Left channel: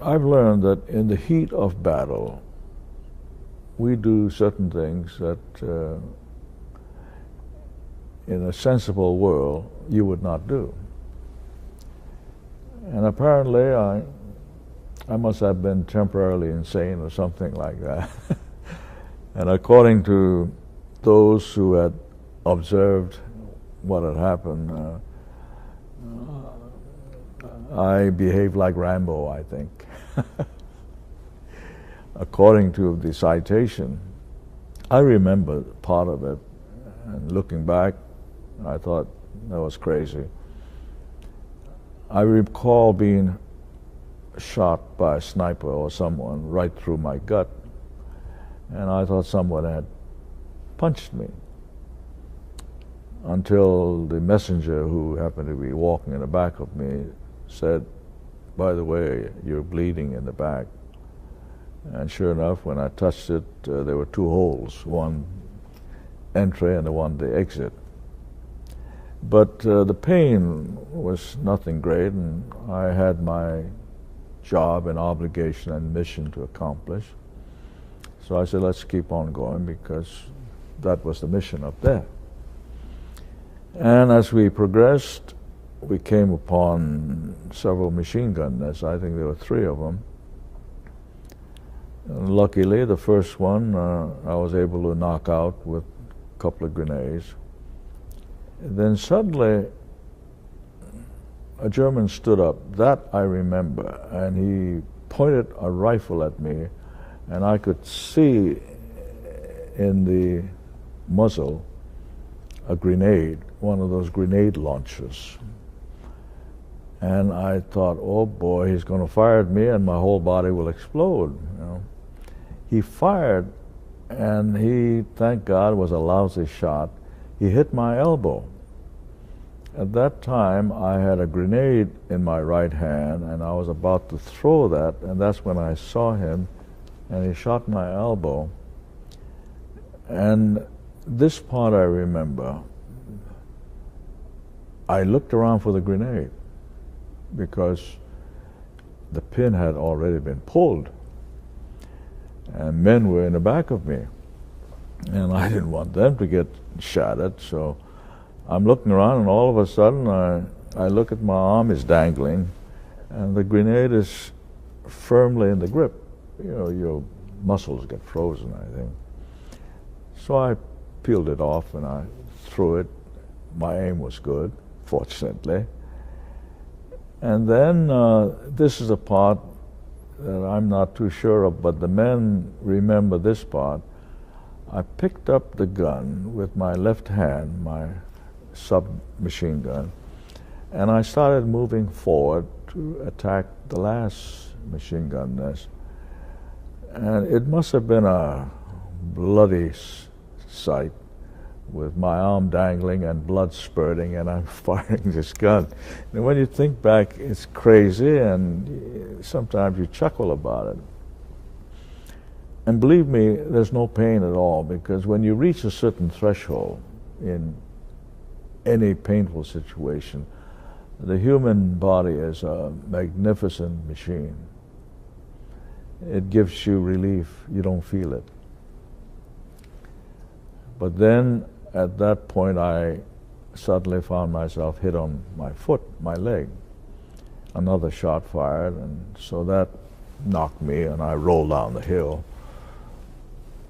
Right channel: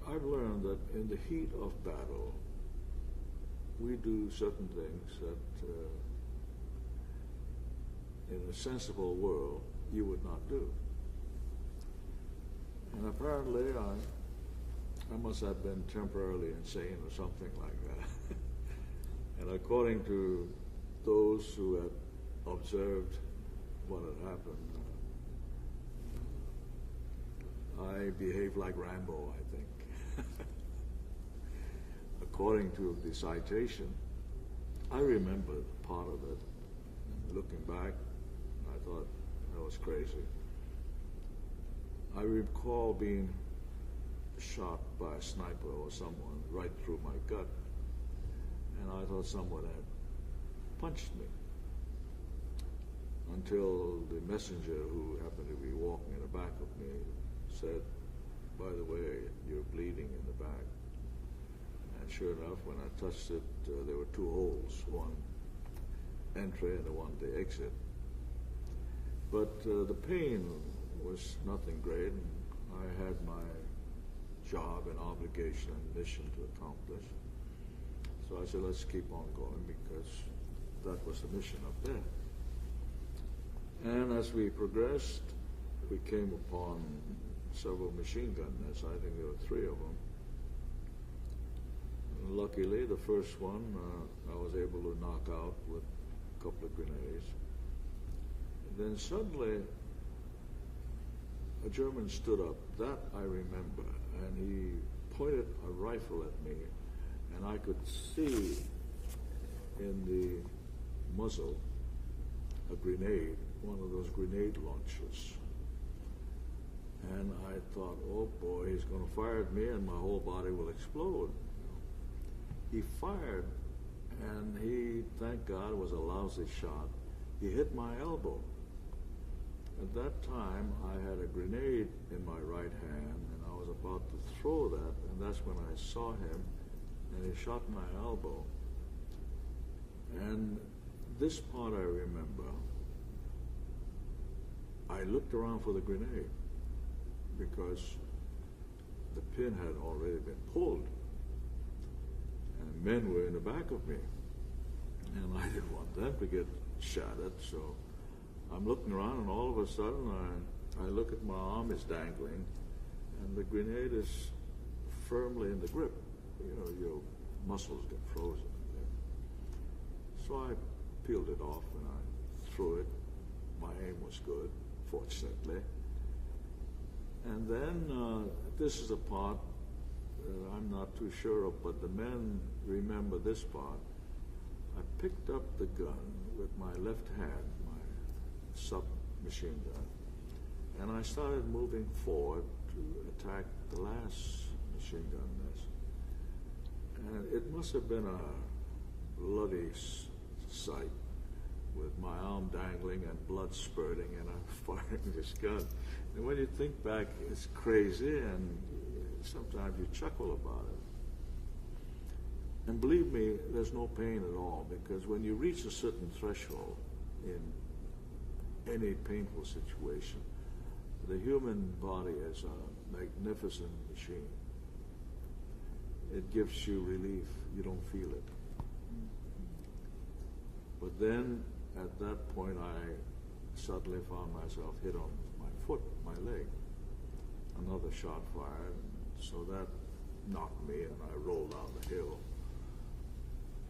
I've learned that in the heat of battle, we do certain things that in a sensible world you would not do. And apparently I must have been temporarily insane or something like that. And according to those who had observed what had happened, I behaved like Rambo, I think. According to the citation, I remember part of it, and looking back, I thought that was crazy. I recall being shot by a sniper or someone right through my gut, and I thought someone had punched me, until the messenger, who happened to be walking in the back of me, said, "By the way, you're bleeding in the back." And sure enough, when I touched it, there were two holes, one entry and the one the exit. But the pain was nothing great, and I had my job and obligation and mission to accomplish. So I said, let's keep on going, because that was the mission up there. And as we progressed, we came upon several machine gun nests. I think there were 3 of them. And luckily, the first one I was able to knock out with a couple of grenades. Then suddenly, a German stood up. That I remember. And he pointed a rifle at me, and I could see in the muzzle a grenade, one of those grenade launchers. And I thought, oh boy, he's going to fire at me and my whole body will explode. You know. He fired, and he, thank God, was a lousy shot. He hit my elbow. At that time, I had a grenade in my right hand, and I was about to throw that, and that's when I saw him, and he shot my elbow. And this part I remember. I looked around for the grenade, because the pin had already been pulled, and men were in the back of me, and I didn't want them to get shot at. So I'm looking around, and all of a sudden I look at my arm is dangling, and the grenade is firmly in the grip. You know, your muscles get frozen, I think. So I peeled it off and I threw it. My aim was good, fortunately. And then this is a part that I'm not too sure of, but the men remember this part. I picked up the gun with my left hand, my submachine gun, and I started moving forward to attack the last machine gun nest. And it must have been a bloody sight, with my arm dangling and blood spurting, and I'm firing this gun. And when you think back, it's crazy, and sometimes you chuckle about it. And believe me, there's no pain at all, because when you reach a certain threshold in any painful situation, the human body is a magnificent machine. It gives you relief. You don't feel it. But then, at that point, I suddenly found myself hit on my foot, my leg. Another shot fired, and so that knocked me, and I rolled down the hill.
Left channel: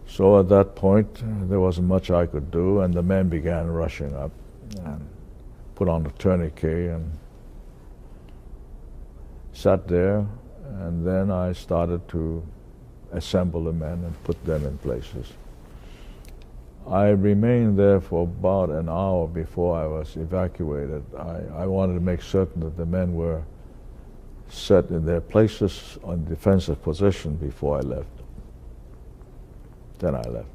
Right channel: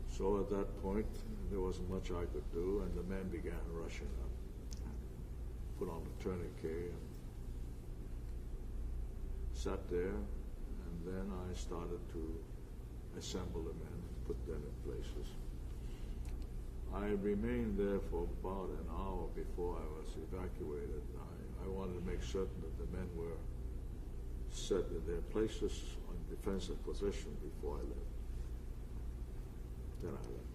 So at that point, there wasn't much I could do, and the men began rushing up and put on the tourniquet and sat there, and then I started to assemble the men and put them in places. I remained there for about an hour before I was evacuated. I wanted to make certain that the men were set in their places on defensive position before I left. Then I left.